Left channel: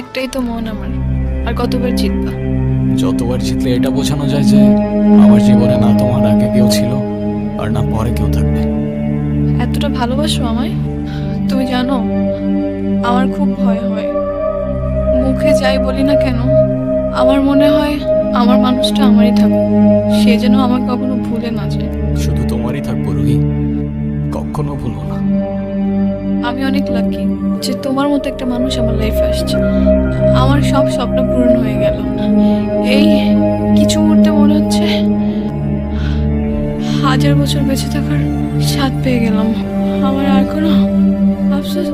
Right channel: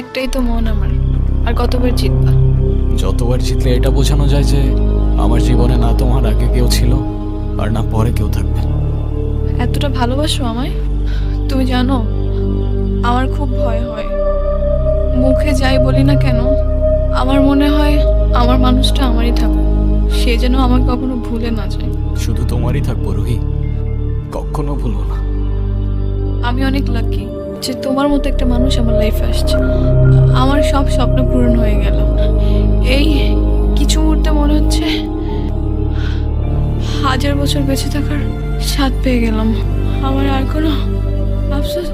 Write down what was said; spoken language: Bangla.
একটাই তো মন আমার, আর কতবার জিতবা? যতবার জিতলে এটা বোঝানো যায় যে আমার জীবনে না তোমার আগে কেউ ছিল আর না পরে কেউ থাকবে। এতটা ভালোবাসো আমায়? তুমি জানো, আমার খুব ভয় হয়। মুখে যাই বলি না কেন, আমার মনে হয় আমার মানুষটা আমারই থাকুক, সে যেন আমাকে কখনো ভুলে না যায়। শুধু তোমারই থাকবো রুহি, কখনো ভুলবো না। আমি অনেক লাকি যে তোমার মতো একটা মানুষ আমার লাইফে আসছে। আমার সব স্বপ্ন পূরণ হয়ে গেল। এই কিছু মুহূর্তে মনে হচ্ছে 1000 বছর বেঁচে থাকার স্বাদ পেয়ে গেলাম। আমার আর কোনো আফসোস